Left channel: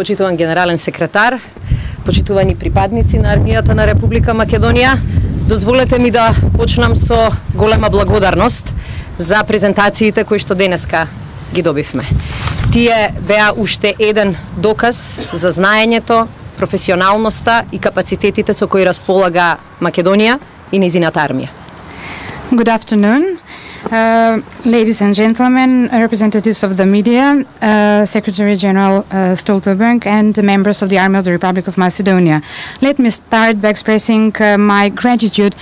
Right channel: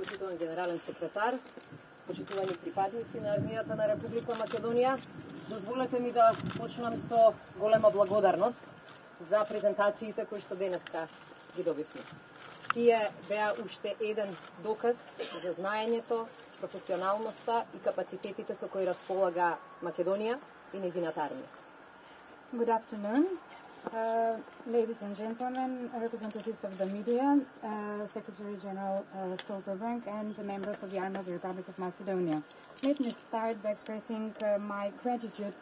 почитуван генерален секретар, почитувани припадници на армијата на Република Македонија, дозволете ми да почнам со голема благодарност за презентациите кои што денеска ги добивме. Тие беа уште еден доказ за знаењето, професионалноста и капацитетите со кои располага Македонија и нејзината армија. Good afternoon, ladies and gentlemen, representatives of the media, Secretary General Stoltenberg and the members of the Army of the Republic of Macedonia. Let me start by expressing my gratitude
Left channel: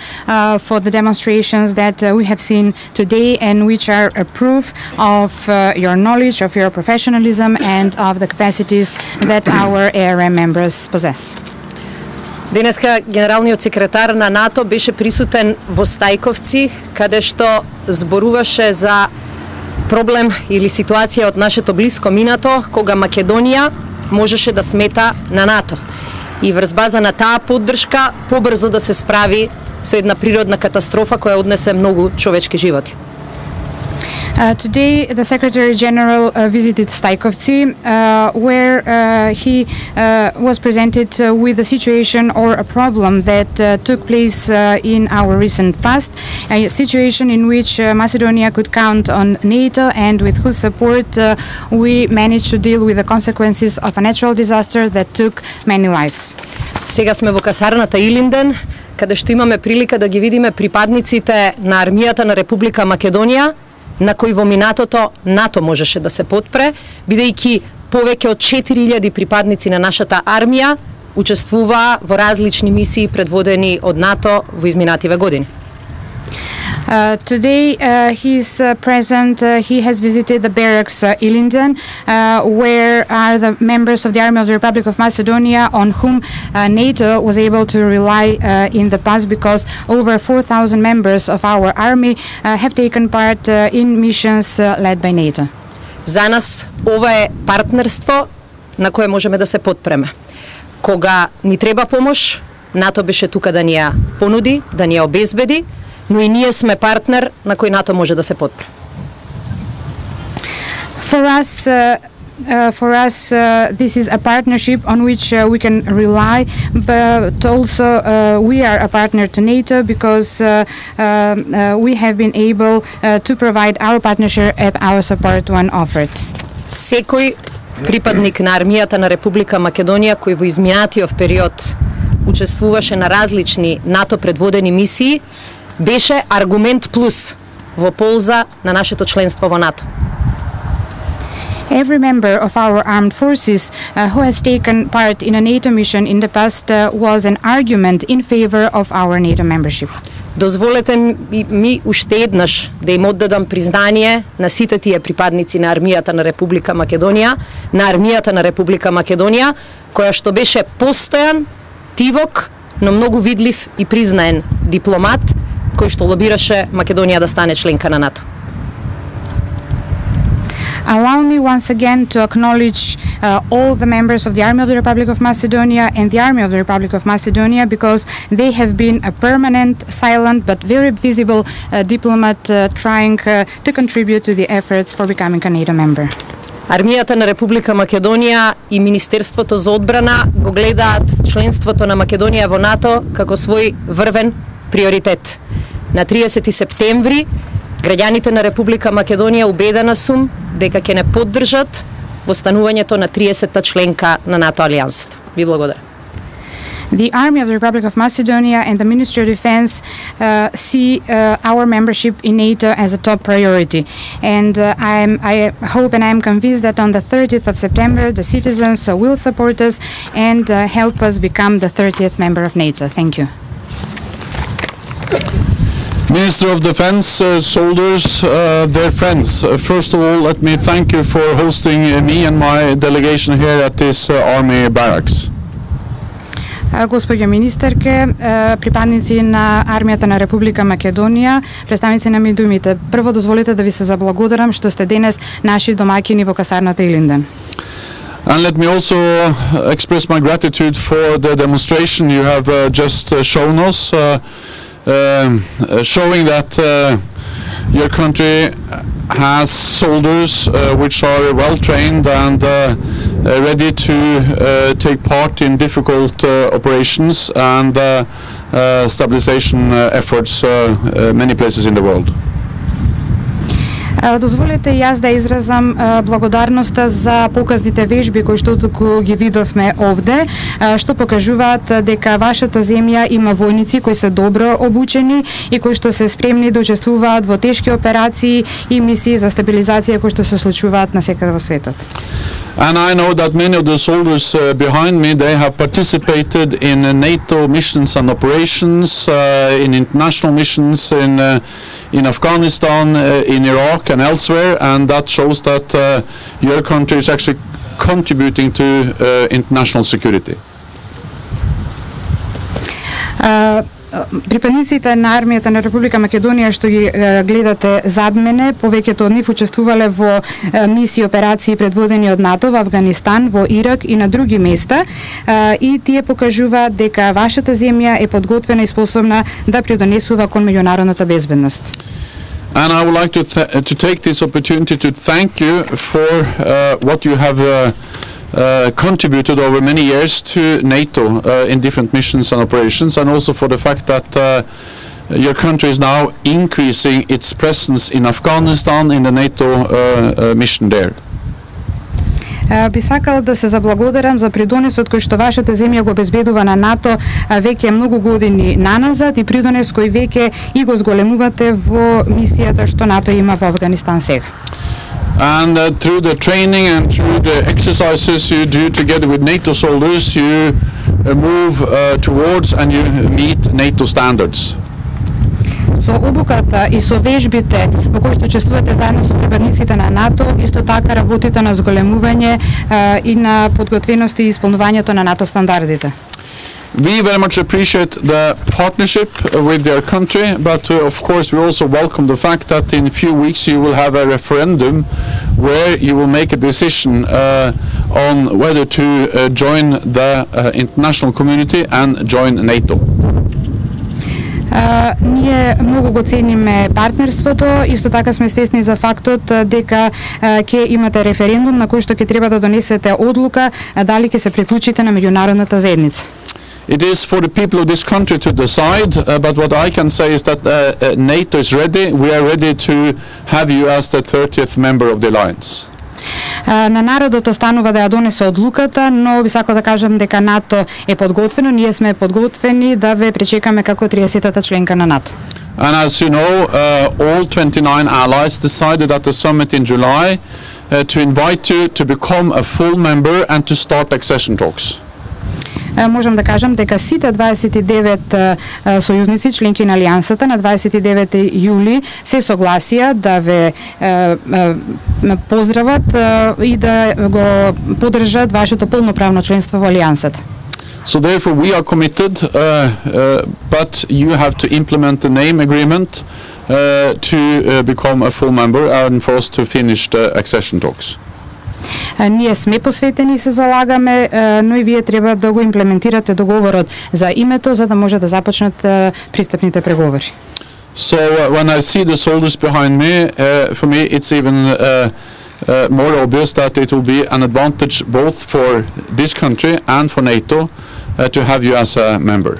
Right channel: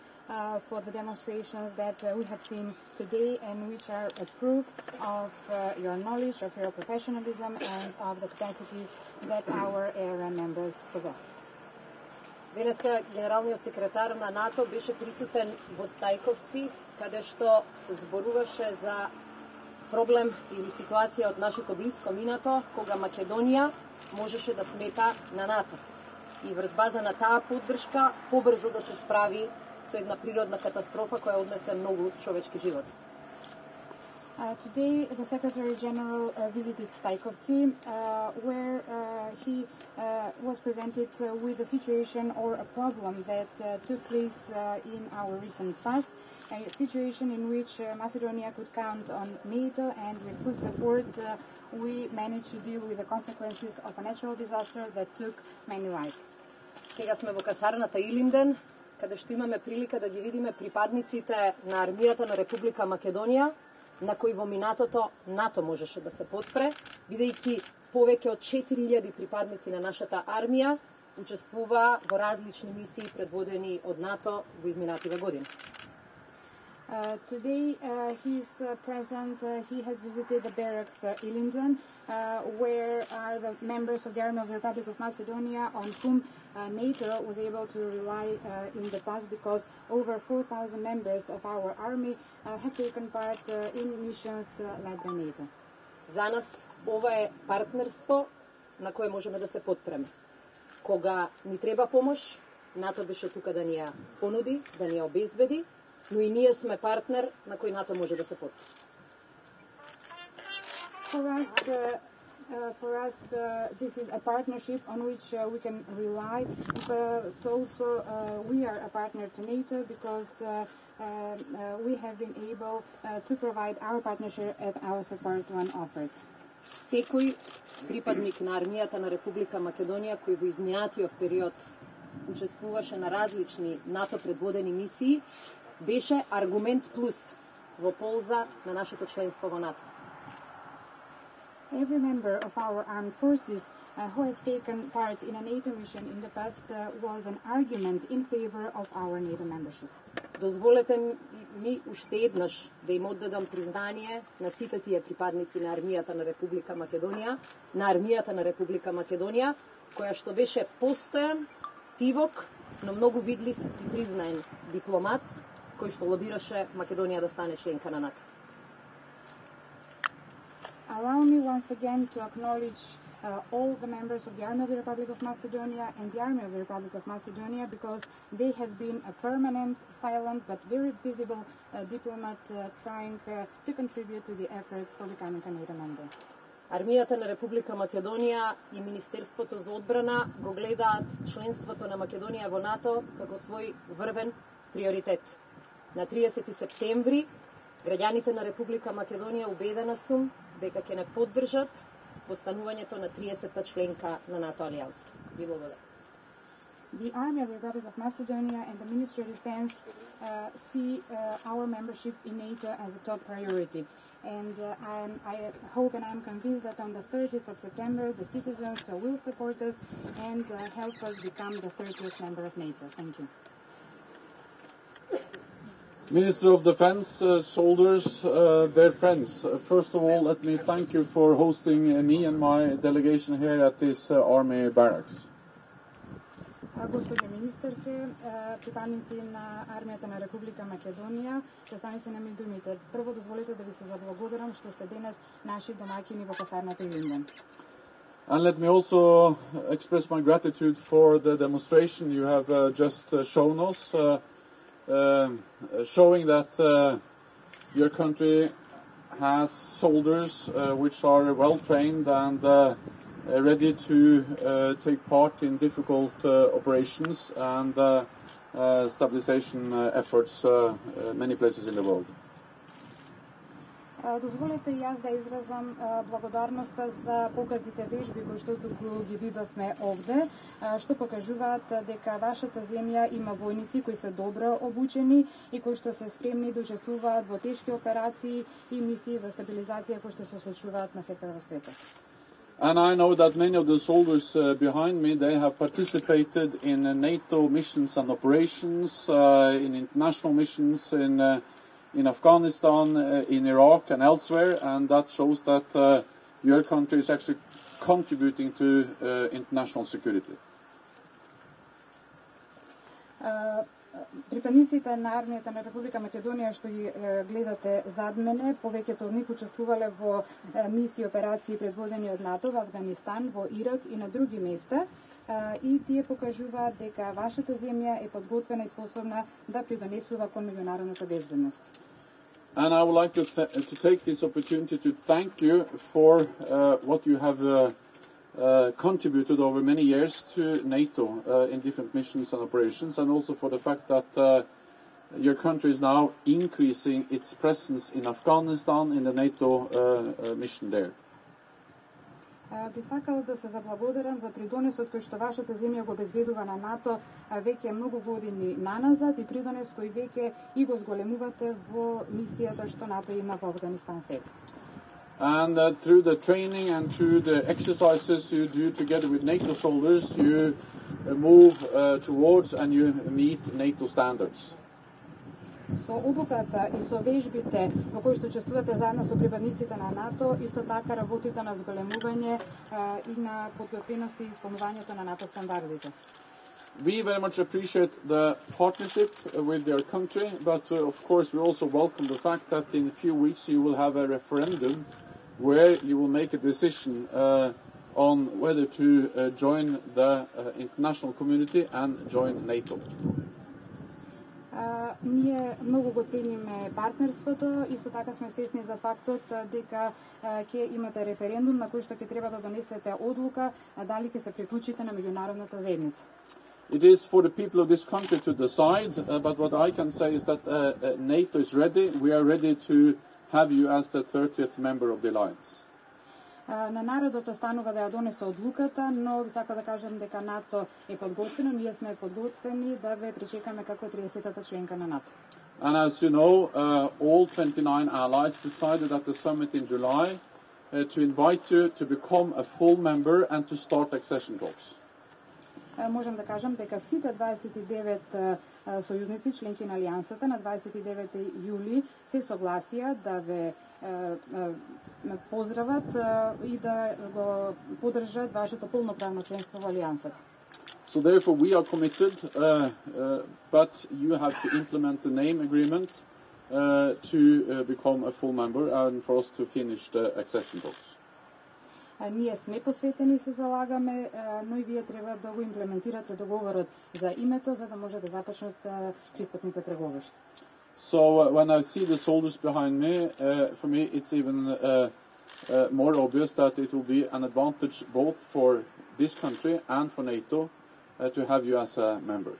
for the demonstrations that we have seen today and which are a proof of your knowledge, of your professionalism and of the capacities that our ARM members possess. Денеска генералниот секретар на НАТО беше присутен во Стајковци, каде што зборуваше за проблем или ситуација од нашето блиско минато, кога Македонија можеше да смета на НАТО. И врз база на таа поддршка побрзо да се справи со една природна катастрофа која однесе многу човечки животи. Today, the Secretary General visited Stajkovci, where he was presented with a situation or a problem that took place in our recent past, a situation in which Macedonia could count on NATO and with whose support we managed to deal with the consequences of a natural disaster that took many lives. Сега сме во касарната Илинден, каде што имаме прилика да ги видиме припадниците на армијата на Република Македонија, на кои во минатото НАТО можеше да се потпре, бидејќи повеќе од 4000 припадници на нашата армија учествуваа во различни мисии предводени од НАТО во изминативе години. Today he is present. He has visited the barracks Ilinden, where are the members of the Army of the Republic of Macedonia on whom NATO was able to rely in the past, because over 4,000 members of our army have taken part in missions led by NATO. За нас ова е партнерство на кое можеме да се потпреме. Кога ни треба помош, НАТО беше тука да ни ја понуди, да ни ја обезбеди, но и ние сме партнер на кој НАТО може да се потпре. For us, this is a partnership on which we can rely, but also we are a partner to NATO because we have been able to provide our partnership and our support when offered. Секој припадник на армијата на Република Македонија кој во изминатиот период учествуваше на различни НАТО предводени мисии, беше аргумент плюс во полза на нашето членство во НАТО. Every member of our armed forces who has taken part in a NATO mission in the past was an argument in favor of our NATO membership. Дозволете ми уште еднаш да им оддадам признание на сите тие припадници на армијата на Република Македонија, која што беше постојан, тивок, но многу видлив и признаен дипломат, кој што лобираше Македонија да стане членка на НАТО. Allow me once again to acknowledge all the members of the Army of the Republic of Macedonia and the Army of the Republic of Macedonia, because they have been a permanent, silent but very visible diplomat trying to contribute to the efforts for becoming a NATO member. Армијата на Република Македонија и Министерството за одбрана го гледаат членството на Македонија во НАТО како свој врвен приоритет. На 30 септември граѓаните на Република Македонија, убедена сум дека ќе не поддржат во станувањето на 30-та членка на НАТО алијансата. Ви благодарам. The Army of the Republic of Macedonia and the Ministry of Defense see our membership in NATO as a top priority. And I hope and I am convinced that on the 30th of September, the citizens will support us and help us become the 30th member of NATO. Thank you. Minister of Defense, soldiers, their friends. First of all, let me thank you for hosting me and my delegation here at this Army barracks. Госпоѓо министерке, припадници на армијата на Република Македонија, представници на медиумите, прво дозволете да ви се заблагодарам што сте денес наши домаќини во касарната Илинден. And let me also express my gratitude for the demonstration you have just shown us, showing that your country has soldiers which are well trained and ready to take part in difficult operations and stabilization efforts many places in the world. Дозволете јас да изразам благодарноста за показните вежби кои што туку ги видовме овде, што покажуваат дека вашата земја има војници кои се добро обучени и кои што се спремни да учествуваат во тешки операции и мисии за стабилизација кои што се случуваат насекаде во светот. And I know that many of the soldiers behind me, they have participated in NATO missions and operations, in international missions in Afghanistan, in Iraq and elsewhere, and that shows that your country is actually contributing to international security. Припадниците на армијата на Република Македонија што ги гледате зад мене, повеќето од нив учествувале во мисии и операции предводени од НАТО во Авганистан, во Ирак и на други места, и тие покажуваат дека вашата земја е подготвена и способна да придонесува кон меѓународната безбедност. And I would like to take this opportunity to thank you for what you have contributed over many years to NATO in different missions and operations, and also for the fact that your country is now increasing its presence in Afghanistan in the NATO mission there. Би сакал да се заблагодарам за придонесот кој што вашата земја го обезбедува на НАТО веќе многу години наназад и придонес кој веќе и го зголемувате во мисијата што НАТО има во Афганистан сега. And through the training and through the exercises you do together with NATO soldiers, you move towards and you meet NATO standards. Со обуката и со вежбите во кои што учествувате заедно со припадниците на НАТО, исто така работите на зголемување и на подготвеност и исполнувањето на НАТО стандардите. We very much appreciate the partnership with your country, but of course we also welcome the fact that in a few weeks you will have a referendum where you will make a decision on whether to join the international community and join NATO. Ние многу го цениме партнерството, исто така сме свесни за фактот дека ќе имате референдум на кој што ќе треба да донесете одлука дали ќе се приклучите на меѓународната заедница. It is for the people of this country to decide, but what I can say is that NATO is ready. We are ready to have you as the 30th member of the alliance. На народот останува да ја донесе одлуката, но би сакал да кажам дека НАТО е подготвено, ние сме подготвени да ве пречекаме како 30-та членка на НАТО. And as you know, all 29 allies decided at the summit in July to invite you to become a full member and to start accession talks. Можам да кажам дека сите 29 сојузници членки на алијансата на 29 јули се согласија да ве поздрават и да го поддржат вашето полноправно членство во алијансата. So therefore we are committed, but you have to implement the name agreement to become a full member and for us to finish the accession talks. Ние сме посветени и се залагаме, но и вие треба да го имплементирате договорот за името за да може да започнат пристапните преговори. So when I see the soldiers behind me, for me it's even more obvious that it will be an advantage both for this country and for NATO to have you as a member.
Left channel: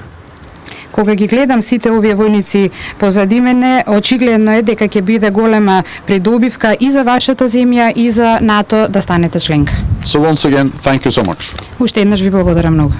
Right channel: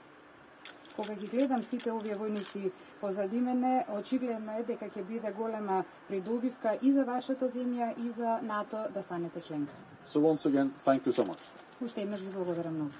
Кога ги гледам сите овие војници позади мене, очигледно е дека ќе биде голема придобивка и за вашата земја и за НАТО да станете членка. So once again, thank you so much. Уште еднаш ви благодарам многу.